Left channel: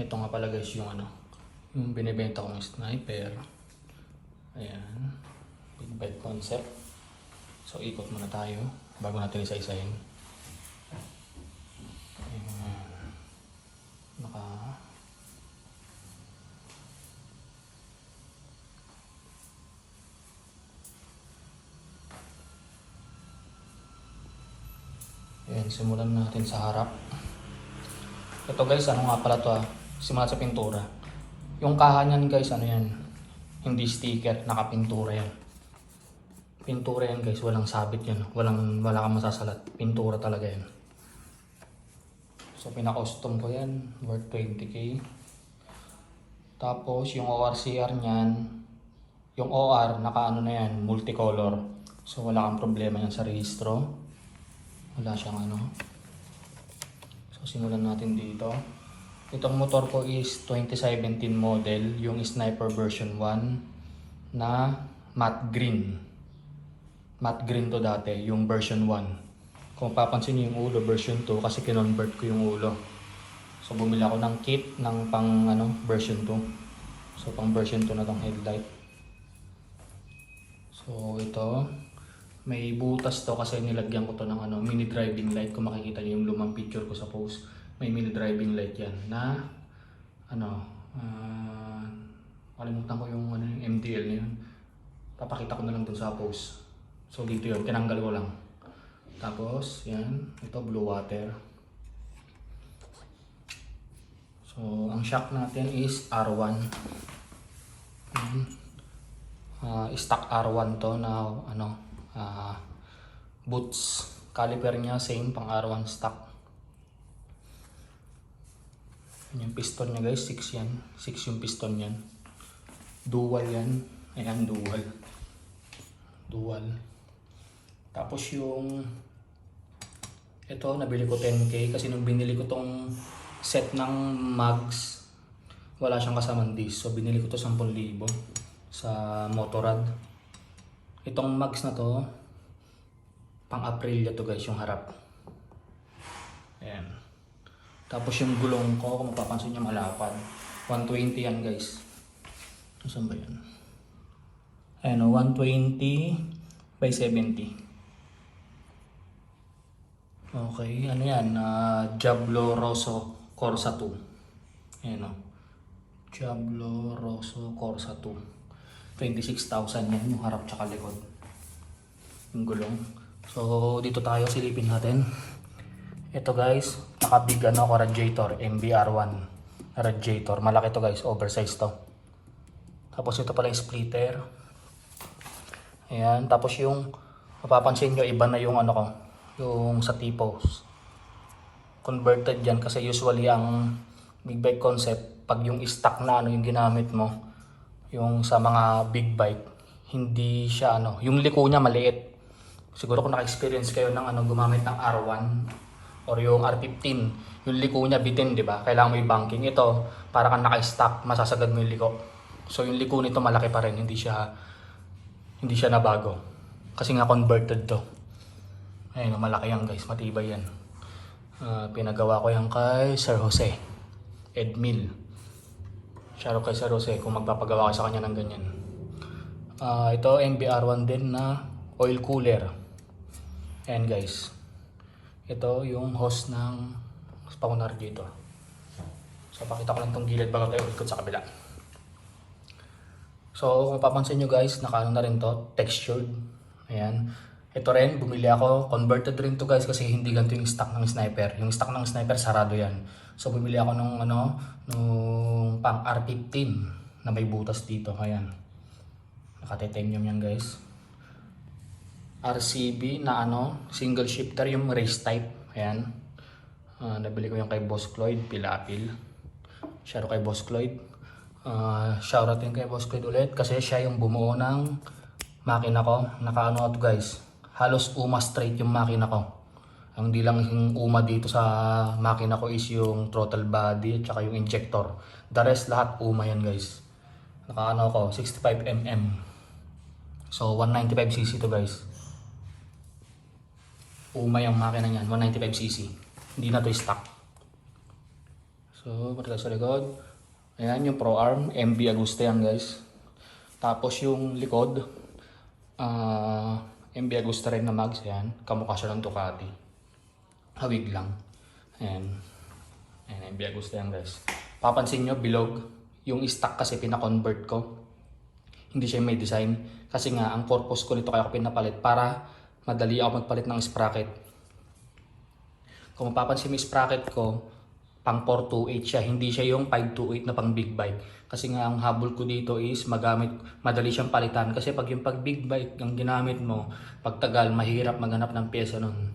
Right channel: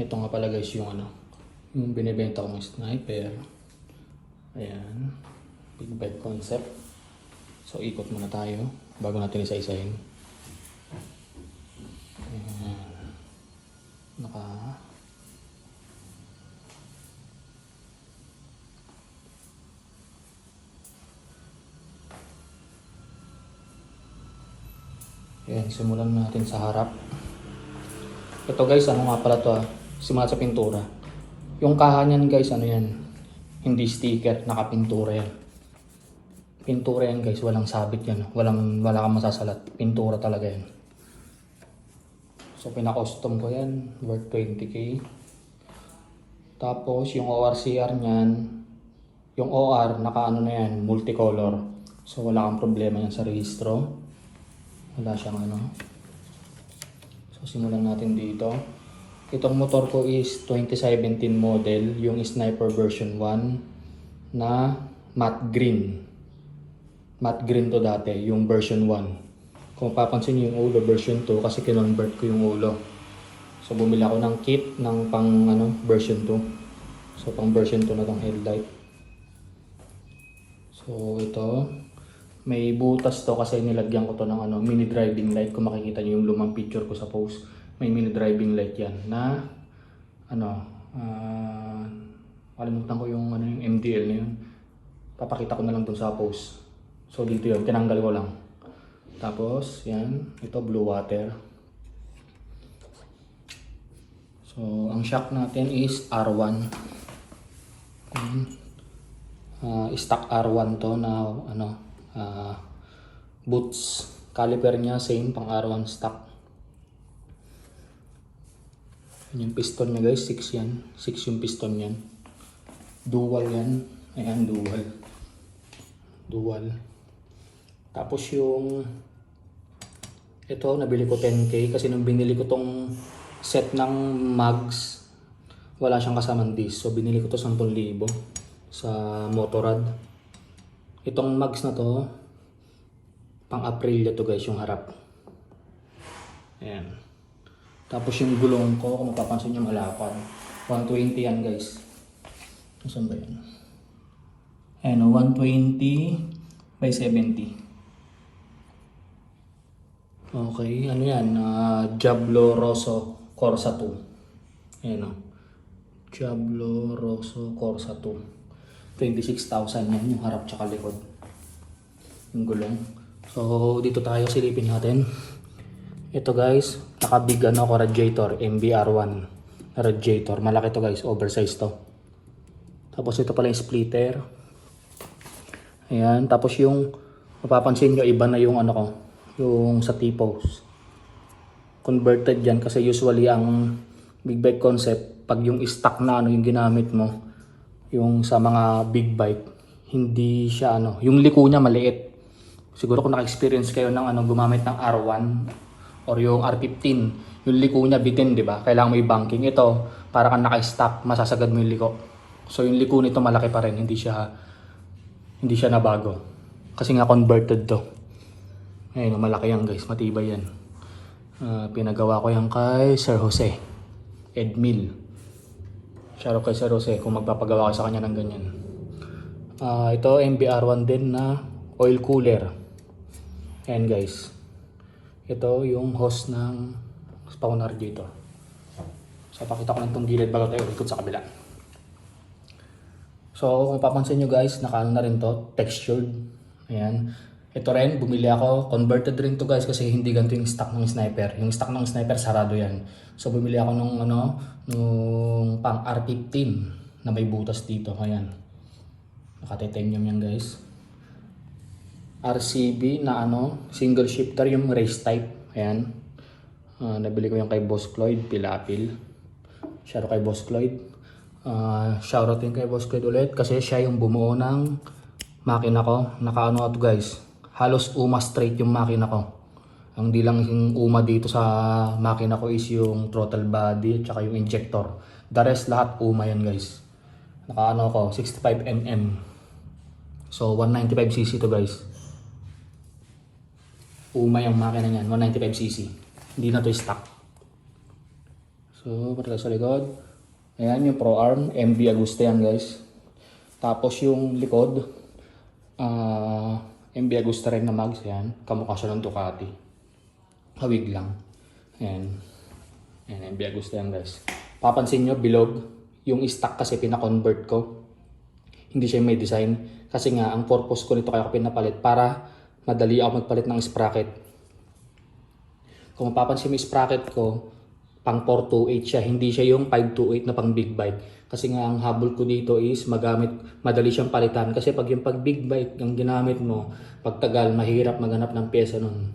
Ito nga pala guys yung ano, yung binibenta kong sniper. Ayan, big bed concept. So ikot muna tayo bago natin isa-isahin. Ayan. Ayan, simulan natin sa harap. Ito guys, ano nga pala to, simula sa pintura. Yung kaha niyan guys, ano yan, hindi sticker, nakapintura yan. Pintura yan guys, walang sabit yan, wala kang masasalat, pintura talaga yan. So pinaka-custom ko yan, worth 20k. Tapos yung ORCR niyan, yung OR, naka ano na yan, multicolor. So wala kang problema yan sa registro. Wala siyang ano. So simulan natin dito. Itong motor ko is 2017 model, yung Sniper version 1 na matte green. Matte green to dati, yung version 1. Kung papansin niyo yung ulo version 2 kasi kinonvert ko yung ulo. So bumili ako ng kit ng pang ano, version 2. So pang version 2 na tong headlight. So ito, may butas to kasi nilagyan ko to ng ano, mini driving light. Kung makikita niyo yung lumang picture ko sa post, may mini driving light yan na ano, kalimutan ko yung ano, yung MDL na yun. Papakita ko na lang dun sa post. So dito yun, tinanggal ko lang. Tapos yan, ito blue water. So ang shock natin is R1. Stock R1 to na ano, boots. Caliper niya same, pang R1 stock. Yung piston niya guys, 6 yan. 6 yung piston yan. Dual yan. Ayan, dual. Tapos yung ito, nabili ko 10k kasi nung binili ko tong set ng mags, wala siyang kasamang disc. So binili ko to 10,000 sa Motorrad. Itong mags na to, pang Aprilia to guys, yung harap. Ayan. Tapos yung gulong ko, kung mapapansin nyo malapad, 120 yan guys. Saan ba yan? Ayan o, 120 by 70. Okay, ano yan? Diablo Rosso Corsa 2. Ayan o. Diablo Rosso Corsa 2. 26,000 yan yung harap tsaka likod. Yung gulong. So dito tayo silipin natin. Ito guys, naka-big ano ko radiator, MBR1 radiator. Malaki to guys, oversized to. Tapos ito pala yung splitter. Ayan, tapos yung mapapansin nyo iba na yung ano ko, yung sa T-post. Converted yan kasi usually ang big bike concept, pag yung stock na ano yung ginamit mo, yung sa mga big bike, hindi siya ano, yung liko niya maliit. Siguro kung naka-experience kayo ng ano, gumamit ng R1 or yung R15, yung liko niya bitin, di ba? Kailangan mo yung banking. Ito, para kang naka-stock, masasagad mo yung liko. So yung liko nito malaki pa rin, hindi siya nabago. Kasi nga converted to. Ayan, malaki yan guys, matibay yan. Pinagawa ko yan kay Sir Jose Edmil. Shoutout kay Sir Jose kung magpapagawa ka sa kanya ng ganyan. Ito MBR1 din na oil cooler. Ayan guys, ito yung hose ng spawner dito. So pakita ko lang itong gilid bago tayo ikot sa kabila. So kung papansin nyo guys, nakaano na rin to, textured. Ayan, ito rin, bumili ako, converted rin to guys kasi hindi ganito yung stock ng sniper. Yung stock ng sniper sarado yan. So bumili ako ng ano, nung pang R15 na may butas dito. Ayan, naka-titanium yan guys. RCB na ano, single shifter, yung race type. Ayan, nabili ko yung kay Boss Cloyd, Pilapil. Share kay Boss Cloyd. Shoutout din kay Boss Cloyd ulit kasi siya yung bumuo ng makina ko. Naka-ano to guys, halos UMA straight yung makina ko. Ang di lang yung UMA dito sa makina ko is yung throttle body at saka yung injector. The rest lahat UMA yan guys. Naka-ano ko, 65mm. So 195cc to guys. UMA yung makina niyan, 195cc. Hindi na to stock. So, patay sa likod. Ayan yung Pro Arm, MB Agusta yan guys. Tapos yung likod, MB Agusta rin na mags yan. Kamukha siya ng Ducati. Hawig lang. Ayan. Ayan, MB Agusta yan guys. Papansin nyo, bilog. Yung stock kasi pina-convert ko. Hindi siya may design. Kasi nga, ang purpose ko nito kaya ko pinapalit para madali ako magpalit ng sprocket. Kung mapapansin mo yung sprocket ko, pang 428 siya. Hindi siya yung 528 na pang big bike. Kasi nga, ang habol ko dito is madali siyang palitan. Kasi pag yung pag big bike ang ginamit mo, pagtagal, mahirap maghanap ng pyesa nun.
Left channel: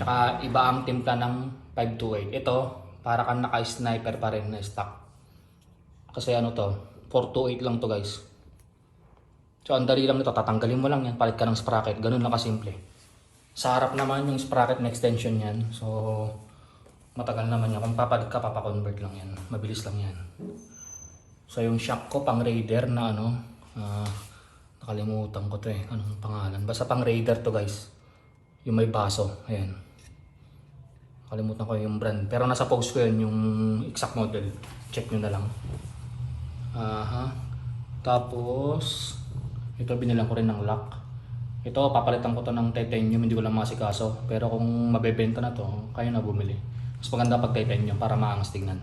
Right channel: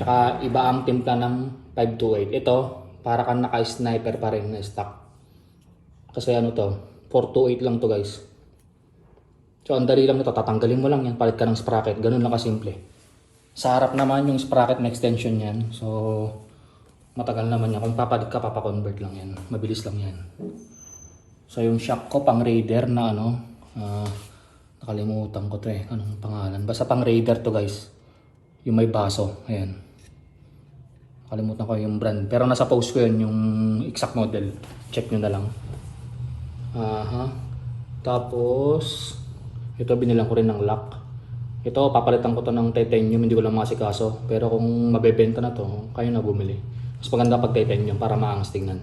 Tsaka iba ang timpla ng 528. Ito, para kang naka-sniper pa rin na stock. Kasi ano to, 428 lang to guys. So ang dali lang nito, tatanggalin mo lang yan, palit ka ng sprocket. Ganun lang kasimple. Sa harap naman yung sprocket na extension yan. So matagal naman yan. Kung papalit ka, papakonvert lang yan. Mabilis lang yan. So yung shock ko pang Raider na ano, nakalimutan ko to eh. Anong pangalan? Basta pang Raider to guys. Yung may baso. Ayan. Nakalimutan ko yung brand. Pero nasa post ko yun, yung exact model. Check nyo na lang. Tapos ito binilang ko rin ng lock. Ito papalitan ko to ng titanium, hindi ko lang masikaso. Pero kung mabebenta na to, kayo na bumili. Mas maganda pag titanium para maangas tingnan.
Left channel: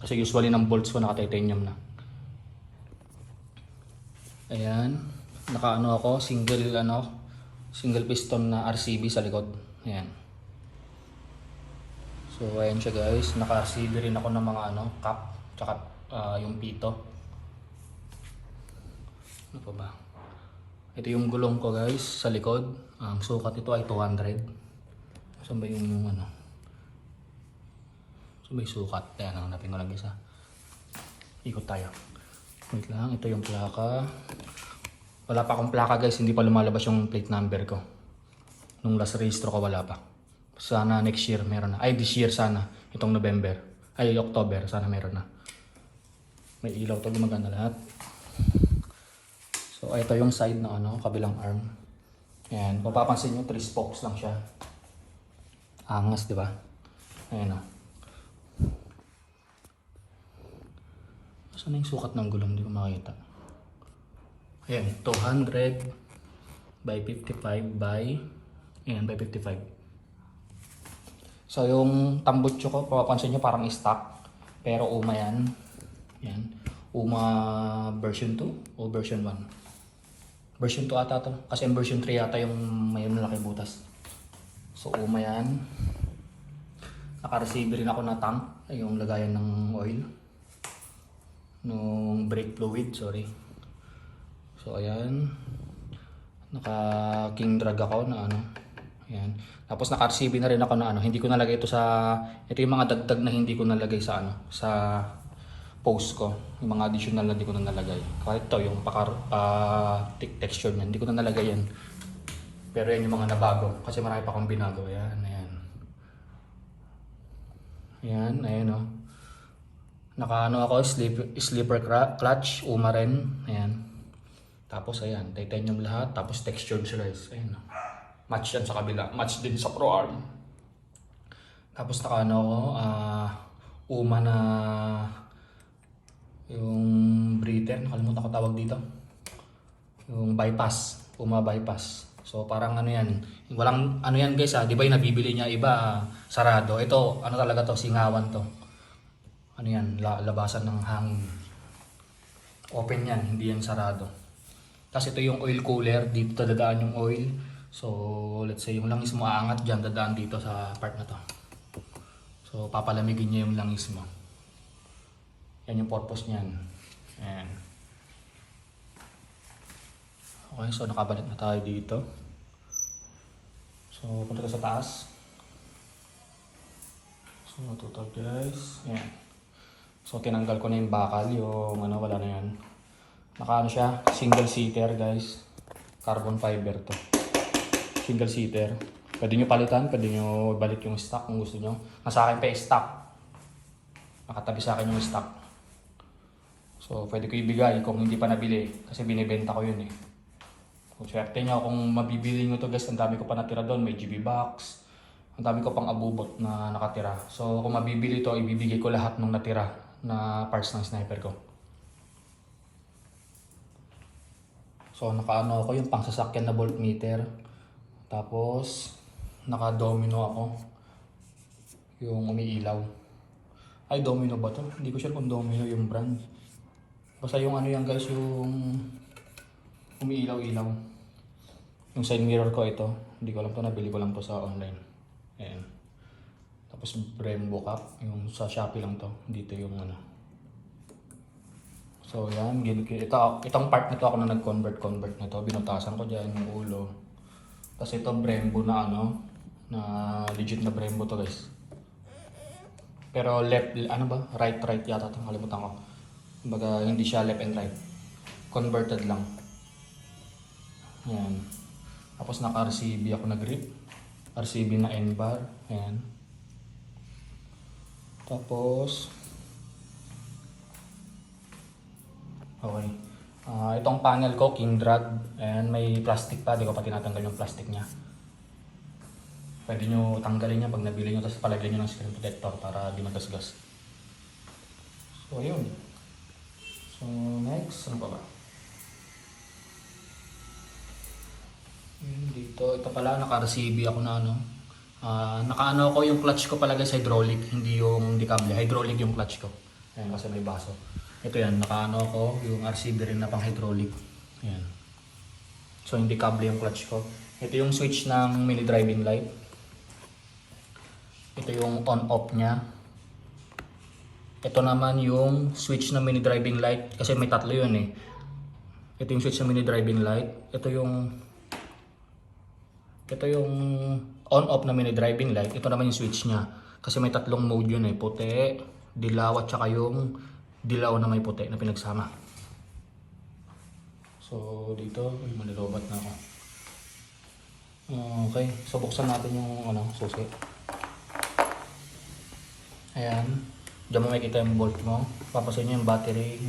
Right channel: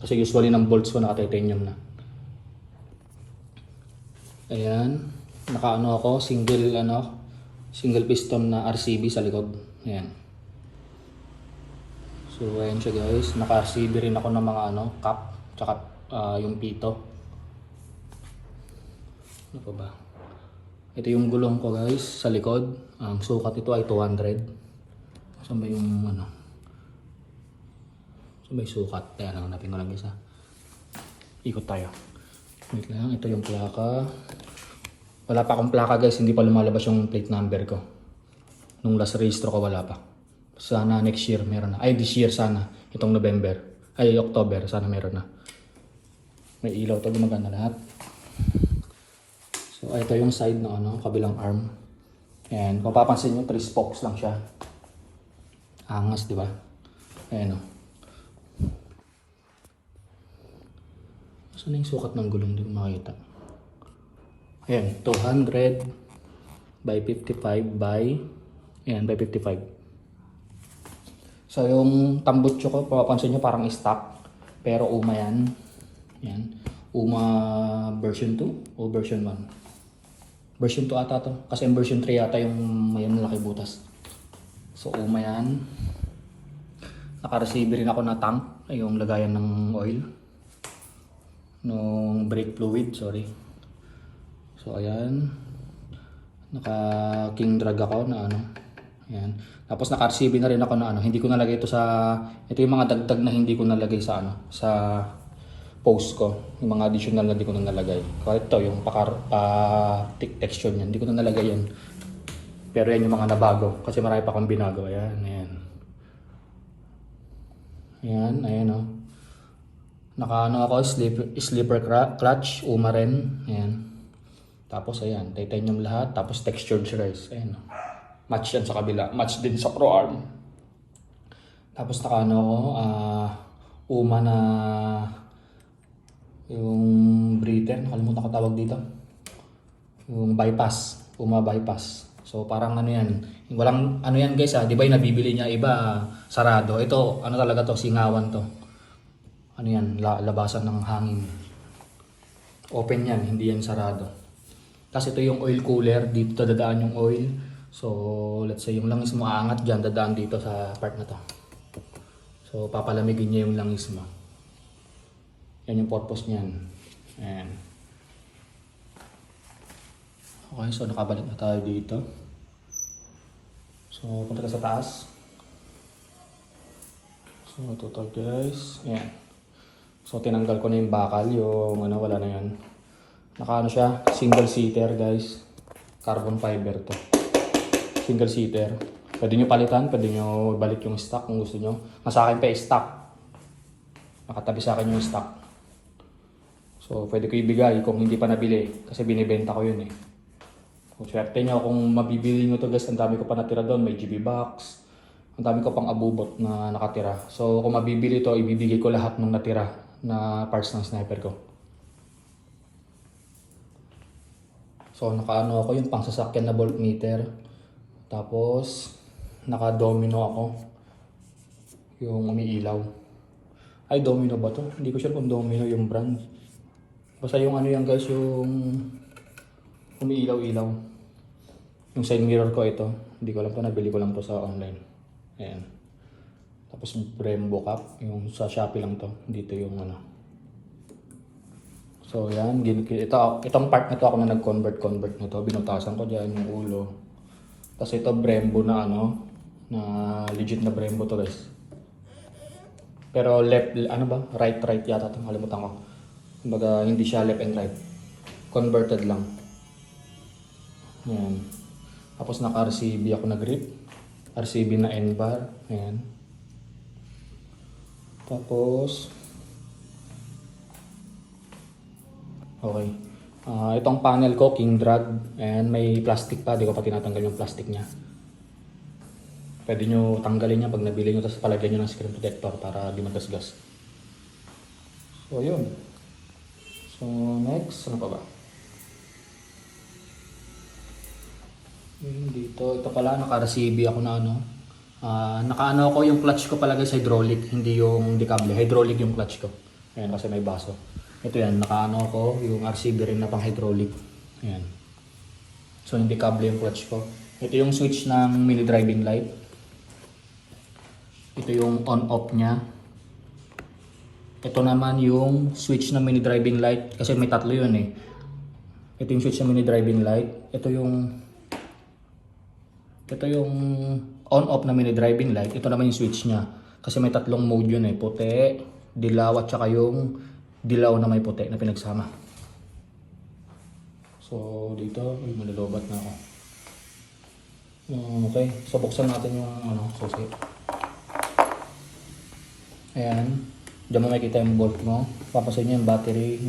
Kasi usually ng bolts ko naka titanium na. Ayan, nakaano ako, single piston na RCB sa likod. Ayan. So ayan siya guys, naka-RCB rin ako ng mga cap, tsaka yung pito. Ano pa ba? Ito yung gulong ko guys sa likod. Ang sukat ito ay 200. Saan ba yung saan ba yung sukat? Ayan, hanapin ko lang isa. Ikot tayo. Wait lang, ito yung plaka. Wala pa akong plaka guys, hindi pa lumalabas yung plate number ko. Nung last registro ko wala pa. Sana next year meron na. Ay, this year sana. Itong November. Ay, October. Sana meron na. May ilaw to, gumagana lahat. So, ito yung side na kabilang arm. Ayan, kung papansin nyo, 3 spokes lang siya. Angas, di ba? Ayan o. Saan na yung sukat ng gulong? Hindi ko makita. Ayan, 200 by 55 by 55. So yung tambutso ko, papansin nyo parang stock. Pero UMA yan. Ayan. UMA version 2 o version 1. Version 2 ata to. Kasi yung version 3 ata yung may malaki butas. So UMA yan. Naka-receive rin ako na tank. Yung lagayan ng oil. Nung brake fluid, sorry. So ayan, naka-king drag ako na ayan. Tapos naka-RCB na rin ako na hindi ko nalagay ito sa, ito yung mga dagdag na hindi ko nalagay sa sa post ko. Yung mga additional na hindi ko na nalagay. Kaya ito, yung texture niya, hindi ko na nalagay yan. Pero yan yung mga nabago, kasi marami pa akong binago. Ayan, ayan. Ayan, ayan o. Naka ako, slipper clutch, UMA rin. Ayan. Tapos ayan, titanium lahat, tapos textured siya guys. Ayan. Match yan sa kabila, match din sa Pro Arm. Tapos naka UMA na yung breather, nakalimutan ko tawag dito. Yung bypass, UMA bypass. So parang yan, walang yan guys di ba yung nabibili niya iba sarado. Ito, talaga to, singawan to. Yan, labasan ng hangin. Open yan, hindi yan sarado. Kasi ito yung oil cooler, dito dadaan yung oil. So, let's say yung langis mo aangat dyan, dadaan dito sa part na to. So, papalamigin niya yung langis mo. Yan yung purpose niyan. Ayan. Okay, so nakabalik na tayo dito. So, punta ka sa taas. So, ito guys. Ayan. So, tinanggal ko na yung bakal, yung wala na yan. Naka siya, single seater guys. Carbon fiber to. Single seater. Pwede nyo palitan, pwede nyo balik yung stock kung gusto nyo. Nasa akin pa stock. Nakatabi sa akin yung stock. So pwede ko ibigay kung hindi pa nabili. Kasi binibenta ko yun eh. Kung swerte nyo, kung mabibili nyo to guys, ang dami ko pa natira doon. May GB box. Ang dami ko pang abubot na nakatira. So kung mabibili to, ibibigay ko lahat ng natira na parts ng sniper ko. So nakaano ako yung pangsasakyan na voltmeter. Tapos naka-domino ako. Yung umiilaw. Ay, domino ba to? Hindi ko sure kung domino yung brand. Basta yung ano yan guys, yung umiilaw-ilaw. Yung side mirror ko ito. Hindi ko alam to, nabili ko lang to sa online. Ayan. Tapos Brembo cap. Yung sa Shopee lang to. Dito yung ano. So yan, itong part nito ako na nag-convert nito. Binutasan ko dyan yung ulo. Tapos ito Brembo na ano, na legit na Brembo to guys. Pero left, ano ba? Right yata ito. Kalimutan ko. Kumbaga hindi siya left and right. Converted lang. Yan. Tapos naka-RCB ako na grip. RCB na N-bar. Ayan. Tapos okay. Itong panel ko, King Drag. And may plastic pa. Di ko pa tinatanggal yung plastic niya. Pwede nyo tanggalin niya pag nabili nyo. Tapos palagyan nyo ng screen protector para di magasgas. So yun. So next, ano pa ba? Dito, ito pala, naka-RCB ako na ano. Naka-ano ko yung clutch ko pala guys, hydraulic. Hindi yung decable. Hydraulic yung clutch ko. Ayan, kasi may baso. Ito yan, naka-ano ko, yung RCB rin na pang hydraulic. Ayan. So hindi kable yung clutch ko. Ito yung switch ng mini driving light. Ito yung on-off niya. Ito naman yung switch ng mini driving light. Kasi may tatlo yun eh. Ito yung switch ng mini driving light. Ito yung on-off na mini driving light. Ito naman yung switch niya. Kasi may tatlong mode yun eh. Puti, dilaw at saka yung dilaw na may puti na pinagsama. So dito, manilobat na ako. Okay, so buksan natin yung ano, susi. Ayan, diyan mo makikita yung bolt mo. Papasin nyo yung battery.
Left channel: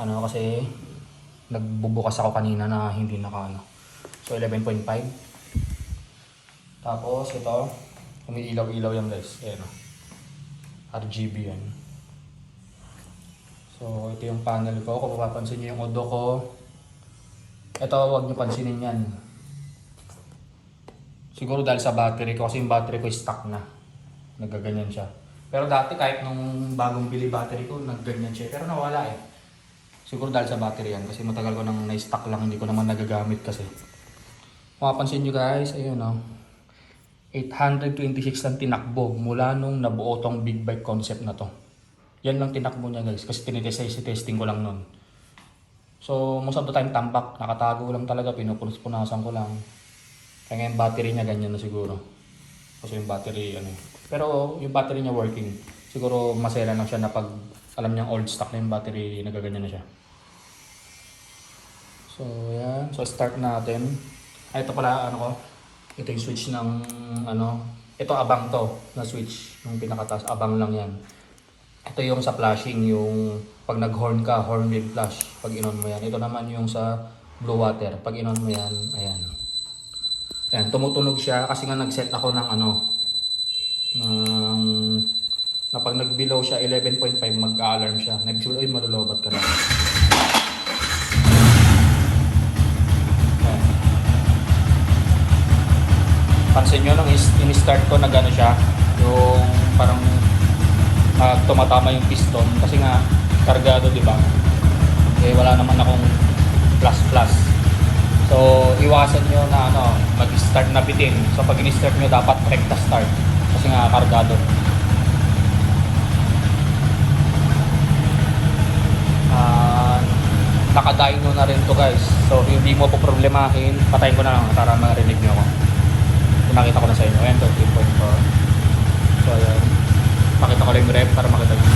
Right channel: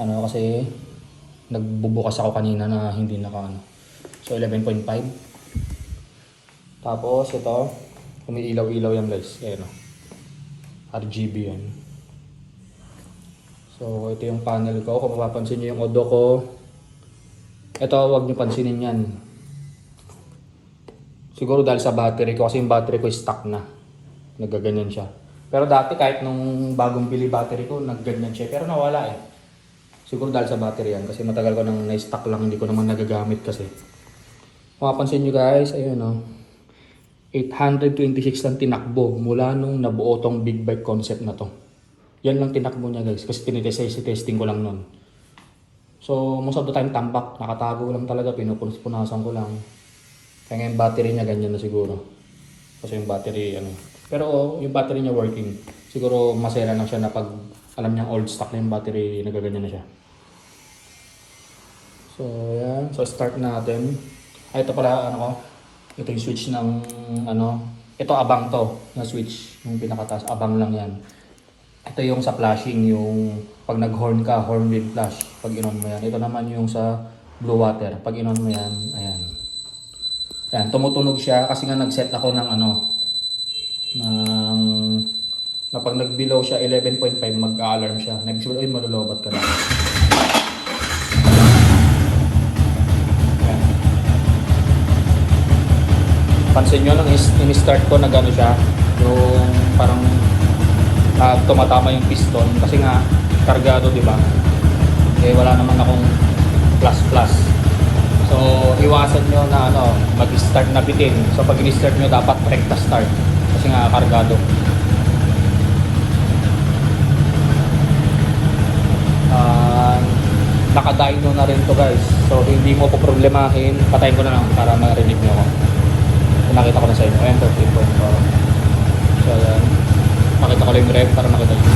Ano kasi nagbubukas ako kanina na hindi naka ano. So 11.5. Tapos ito, umiilaw-ilaw yan guys. Ayan o. RGB yan. So ito yung panel ko. Kung mapapansin nyo yung odo ko, ito huwag nyo pansinin yan. Siguro dahil sa battery ko, kasi yung battery ko stuck na. Nagaganyan siya. Pero dati kahit nung bagong bili battery ko, nagganyan siya. Pero nawala eh. Siguro dahil sa battery yan. Kasi matagal ko nang na-stuck lang, hindi ko naman nagagamit kasi. Kung mapapansin nyo guys, ayun o. 826 lang tinakbo mula nung nabuo tong big bike concept na to. Yan lang tinakbo niya guys. Kasi tinitesting ko lang nun. So most of the time tambak. Nakatago lang talaga. Pinupunasan ko lang. Kaya yung battery niya ganyan na siguro. Kasi yung battery ano. Pero yung battery niya working. Siguro masera lang siya na pag alam niyang old stock na yung battery, nagaganyan na siya. So yan. So start natin. Ito pala ano. Ito yung switch ng ano. Ito abang to na switch. Yung pinakataas. Abang lang yan. Ito yung sa flashing. Yung pag nag-horn ka, horn with flash. Pag inon mo yan. Ito naman yung sa blue water. Pag inon mo yan, ayan. Ayan, tumutunog siya kasi nga nag-set ako ng ano. Na pag nag-below siya 11.5 mag-alarm siya. Nag-sure, ay malulobat ka na. Pansin nyo nung in-start ko na gano'n siya. Yung parang tumatama yung piston kasi nga kargado, di ba? Eh wala naman akong plus. So iwasan nyo na ano, mag-start na bitin. So pag in-start nyo dapat direct na start kasi nga kargado. Naka-dyno na rin to guys. So hindi mo po problemahin. Patayin ko na lang para marinig nyo. Nakita ko na sa inyo. Ayan, 14.4. So ayan. Makita ko lang yung rep para makita nyo.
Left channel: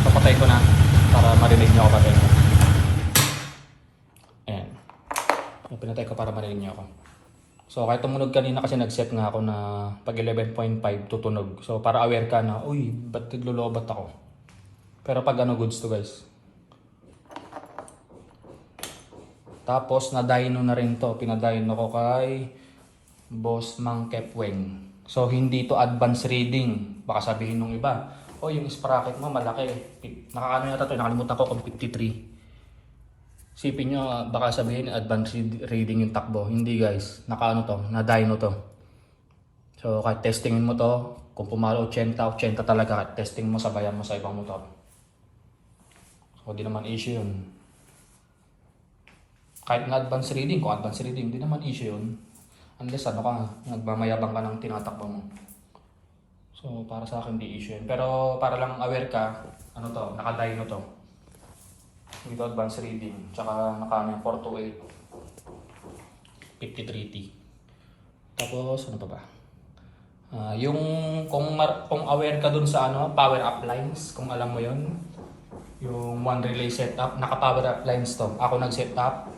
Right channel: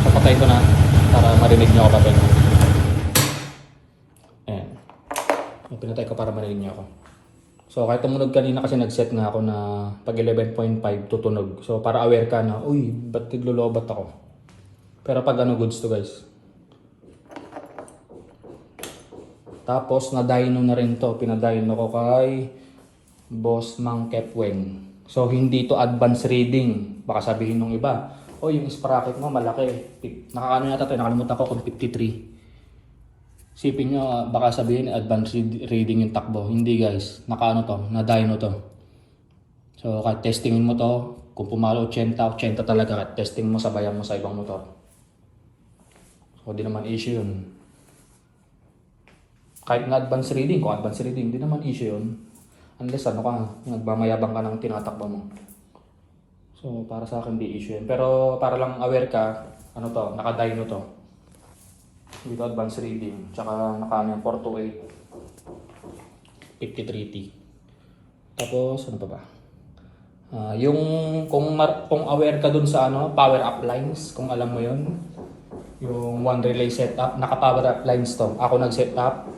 So patayin ko na para marinig nyo ako patayin. Ayan. Pinatay ko para marinig nyo ako. So kahit tumunog kanina kasi nag-set nga ako na pag 11.5 tutunog. So para aware ka na, uy, ba't naglolobat ako? Pero pag ano, goods to guys. Tapos na-dyno na rin to. Pinadyno ko kay Boss Mang Kepweng. So hindi to advanced reading. Baka sabihin nung iba, oh yung sprocket mo malaki. Nakaano yata to, nakalimutan ko kung 53. Sipin nyo, baka sabihin advanced reading yung takbo. Hindi guys, nakaano to, na dyno to. So kahit testingin mo to, kung pumalo 80, 80 talaga, kahit testing mo sabayan mo sa ibang motor. So di naman issue yun. Kahit na advanced reading, kung advanced reading, di naman issue yun. Unless ano ka, nagmamayabang ka ng tinatakbo mo. So para sa akin di issue yun. Pero para lang aware ka, ano to, naka-dyno to. Hindi to advanced reading. Tsaka naka 428 53T. Tapos ano pa ba? Yung kung aware ka dun sa ano, power up lines, kung alam mo yun, yung one relay setup, naka-power up lines to. Ako nag-set up,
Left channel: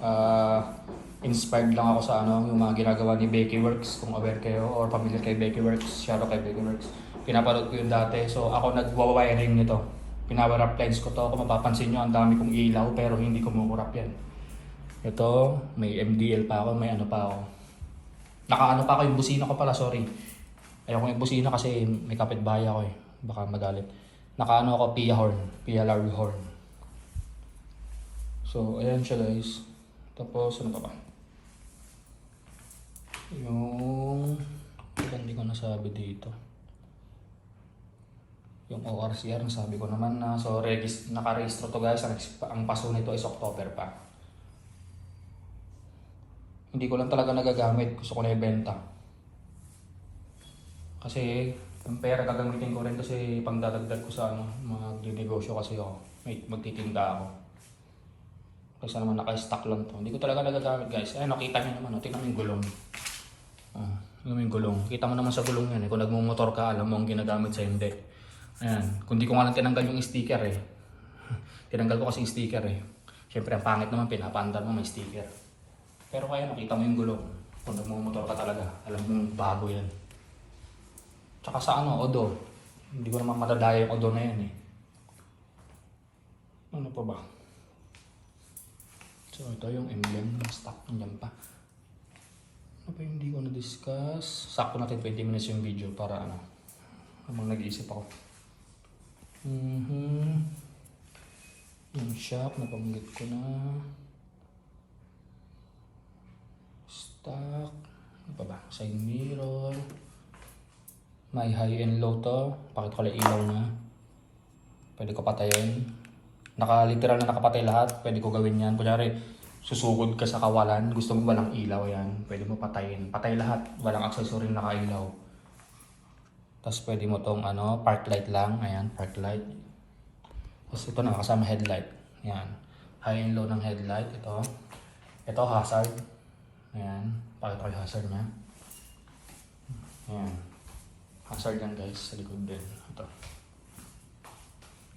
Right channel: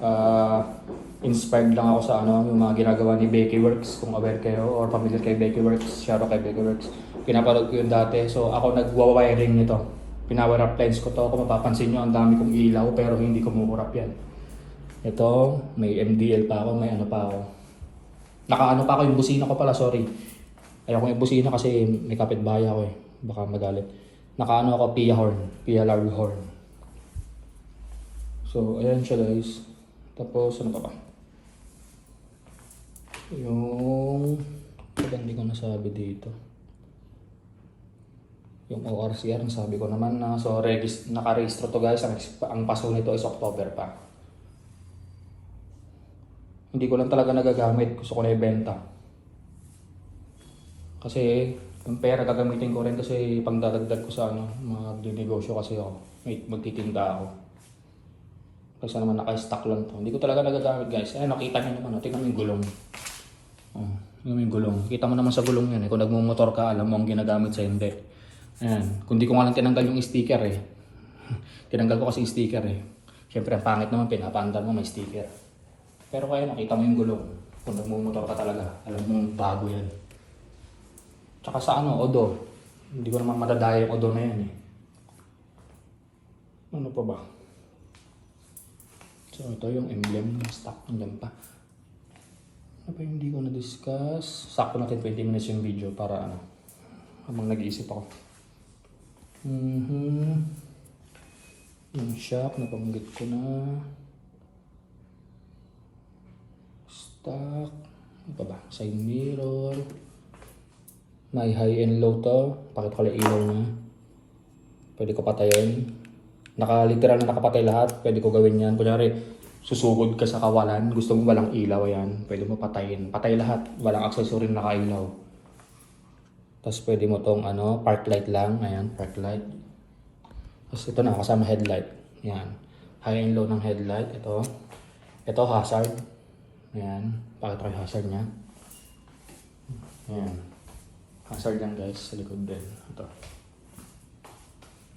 inspired lang ako sa ano, yung mga ginagawa ni Becky Works, kung aware kayo or familiar kay Becky Works, shoutout kay Becky Works. Pinapanood ko yun dati, so ako nag-wiring nito. Pinower up lines ko to, kung mapapansin nyo, ang dami kong ilaw pero hindi kumukurap yan. Ito, may MDL pa ako, may ano pa ako. Nakaano pa ako yung busina ko pala, sorry. Ayaw ko yung busina kasi may kapitbahay ako eh, baka magalit. Nakaano ako, Pia Larry horn. So, ayan siya guys. Tapos, ano pa ba? Yung hindi ko nasabi dito. Yung ORCR, nasabi ko naman na. So, naka-register to guys. Ang paso nito is October pa. Hindi ko lang talaga nagagamit. Gusto ko na ibenta. Kasi, yung pera gagamitin ko rin kasi pangdadagdag ko sa ano, mag-negosyo kasi ako. Magtitinda ako. Kasi naman naka-stock lang to. Hindi ko talaga nagagamit guys. Ayun, nakita nyo naman. Tingnan mo yung gulong. Tingnan mo yung gulong. Kita mo naman sa gulong yan. Kung nagmumotor ka, alam mo ang ginagamit sa hindi. Ayan. Kung di ko nga lang tinanggal yung sticker eh. Tinanggal ko kasi yung sticker eh. Siyempre ang pangit naman, pinapaandar mo may sticker. Pero kaya nakita mo yung gulong. Kung nagmumotor ka talaga, alam mo yung bago yan. Tsaka sa ano, odor. Hindi ko naman madadaya yung odor na yan eh. Ano pa ba? So ito yung emblem ng stock. Nandiyan pa. Ano pa hindi ko na-discuss? Sakto natin 20 minutes yung video para ano. Habang nag-iisip ako. Yung shock, napanggit ko na. Stock. Ano pa ba? Side mirror. May high and low to. Pakita ko lang ilaw na. Pwede ko patayin. Literal na nakapatay lahat. Pwede ko gawin yan. Kunyari, susugod ka sa kawalan. Gusto mo walang ilaw yan. Pwede mo patayin. Patay lahat. Walang accessory na nakailaw. Tapos pwede mo tong ano, park light lang. Ayan, park light. Tapos ito na, kasama headlight. Ayan. High and low ng headlight. Ito. Ito, hazard. Ayan. Pakita ko yung hazard niya. Ayan. Hazard yan guys, sa likod din. Ito.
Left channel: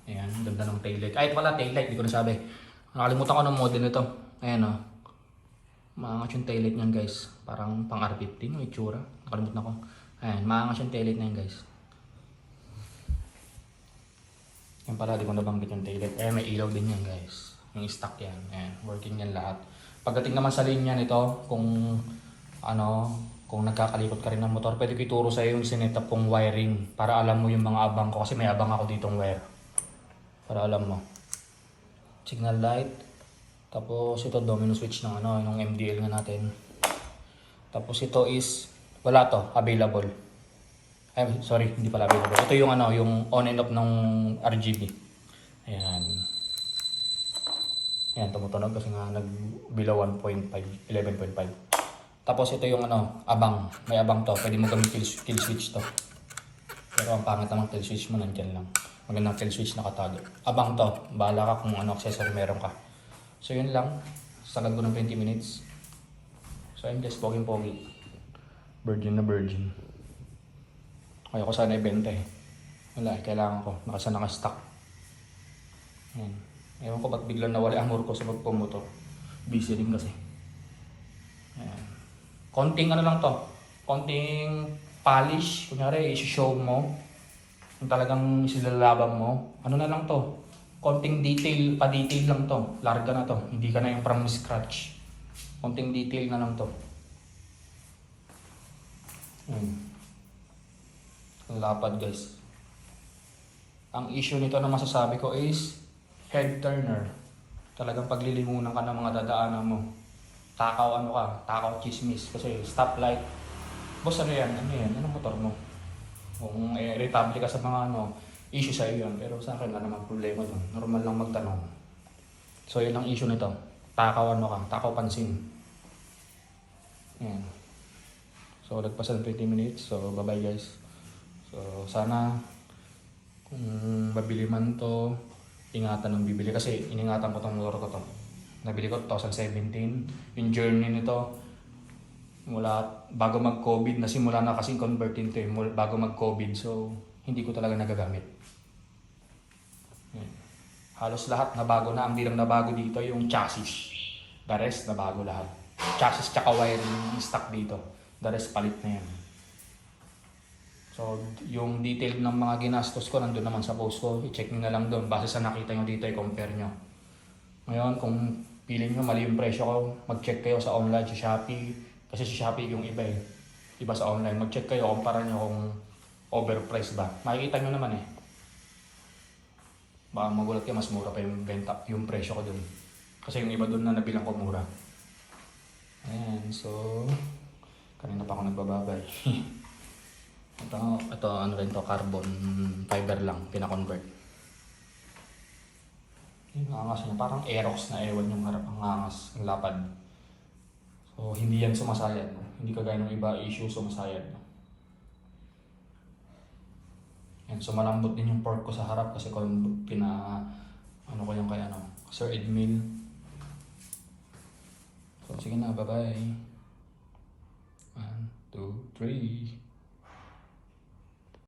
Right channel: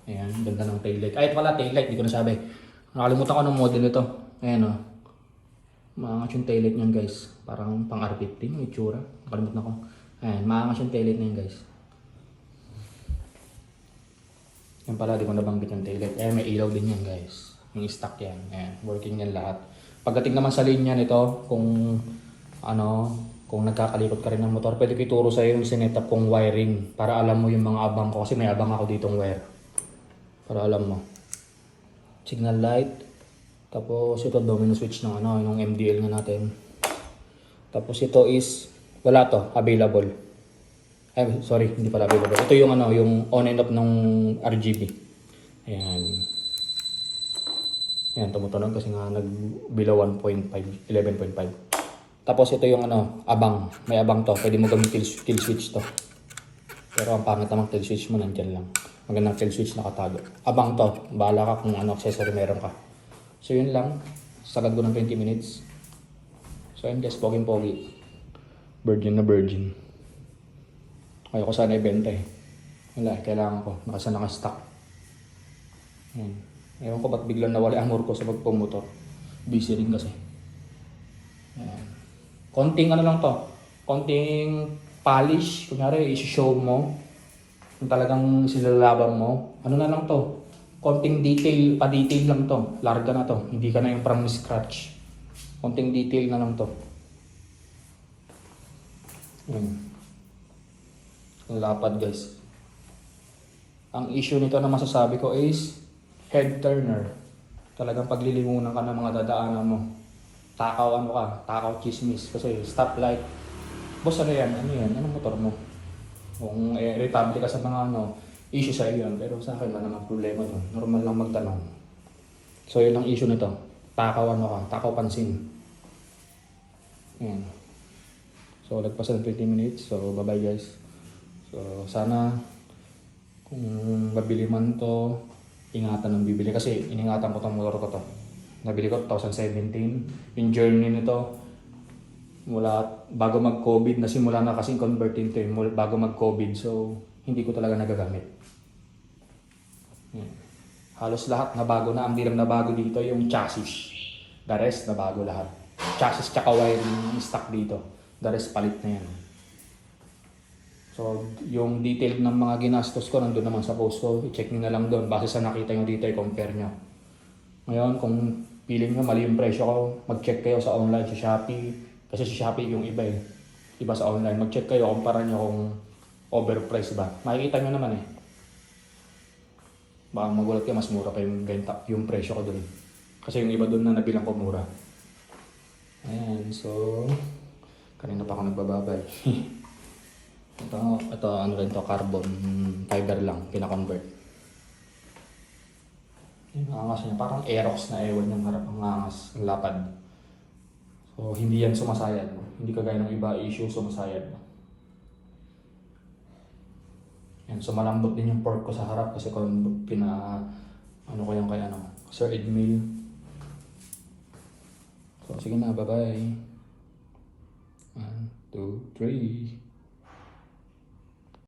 Ayan, ganda ng taillight. Ay, pala taillight, hindi ko nasabi. Nakalimutan ko ng model ito. Ayan o. Maangas yung taillight niyan guys. Parang pang R15 yung itsura. Nakalimutan ko. Ayan, maangas yung taillight na yan guys. Yan pala, di ko nabanggit yung taillight. Ayan, may ilaw din yan guys. Yung stock yan. Ayan, working yan lahat. Pagdating naman sa linya nito, kung ano, kung nagkakalikot ka rin ng motor, pwede ko ituro sa'yo yung sinetup kong wiring para alam mo yung mga abang ko kasi may abang ako ditong wire. Para alam mo. Signal light. Tapos ito domino switch na ano, yung MDL na natin. Tapos ito is, wala to, available. Ay, sorry, hindi pala available. Ito yung ano, yung on and off ng RGB. Ayan. Ayan, tumutunog kasi nga nag-below 1.5, 11.5. Tapos ito yung ano, abang. May abang to. Pwede mo gawin kill switch to. Pero ang pangit naman kill switch mo nandyan lang. Magandang kill switch nakatago. Abang to. Bahala ka kung ano accessory meron ka. So yun lang. Sagad ko ng 20 minutes. So yun guys, pogi. Virgin na virgin. Ayaw ko sana ibenta eh. Wala eh, kailangan ko. Naka-stock. Ayan. Ewan ko ba't biglang nawala ang ko sa pagpumotor. Busy rin kasi. Ayan. Konting ano lang to, konting polish, kunyari i-show mo, kung talagang isilalaban mo, ano na lang to, konting detail, pa-detail lang to, larga na to, hindi ka na yung from scratch, konting detail na lang to. Lapad guys. Ang issue nito na masasabi ko is head turner. Talagang paglilimunan ka ng mga dadaanan mo. Takaw ano ka, takaw chismis. Kasi stoplight. Boss ano yan? Ano yan? Anong motor mo? Kung irritable ka sa mga ano, issue sa iyo yan. Pero sa akin wala namang problema doon. Normal lang magtanong. So yun ang issue nito. Takaw ano ka, takaw pansin. Yan. So lagpas ng 20 minutes. So bye bye guys. So sana kung babili man to, ingatan ng bibili kasi iningatan ko tong motor ko to. Nabili ko 2017. Yung journey nito mula bago mag-COVID, nasimula na kasing converting to bago mag-COVID. So hindi ko talaga nagagamit. Yan. Halos lahat na bago na. Ang bilang na bago dito yung chassis. The rest na bago lahat. Chassis tsaka wiring stock dito. The rest palit na yan. So, yung detail ng mga ginastos ko nandun naman sa post ko. I-check nyo na lang doon. Base sa nakita nyo dito, i-compare nyo. Ngayon, kung feeling nyo mali yung presyo ko, mag-check kayo sa online, sa Shopee. Kasi sa Shopee yung iba eh. Iba sa online. Mag-check kayo, kumpara nyo kung overpriced ba. Makikita nyo naman eh. Baka magulat kayo, mas mura pa yung benta, yung presyo ko doon. Kasi yung iba doon na nabilang ko mura. Ayan, so kanina pa ako nagbababay. ito ano rin to, carbon fiber lang, pinakonvert. Yung angas niya, parang Aerox na ewan yung harap ang angas, ang lapad. So hindi yan sumasayad. Hindi kagaya ng iba issue sumasayad. Yan, so malambot din yung fork ko sa harap kasi kung ano ko yung kaya Sir Edmil. So sige na, bye bye. 1, 2, 3.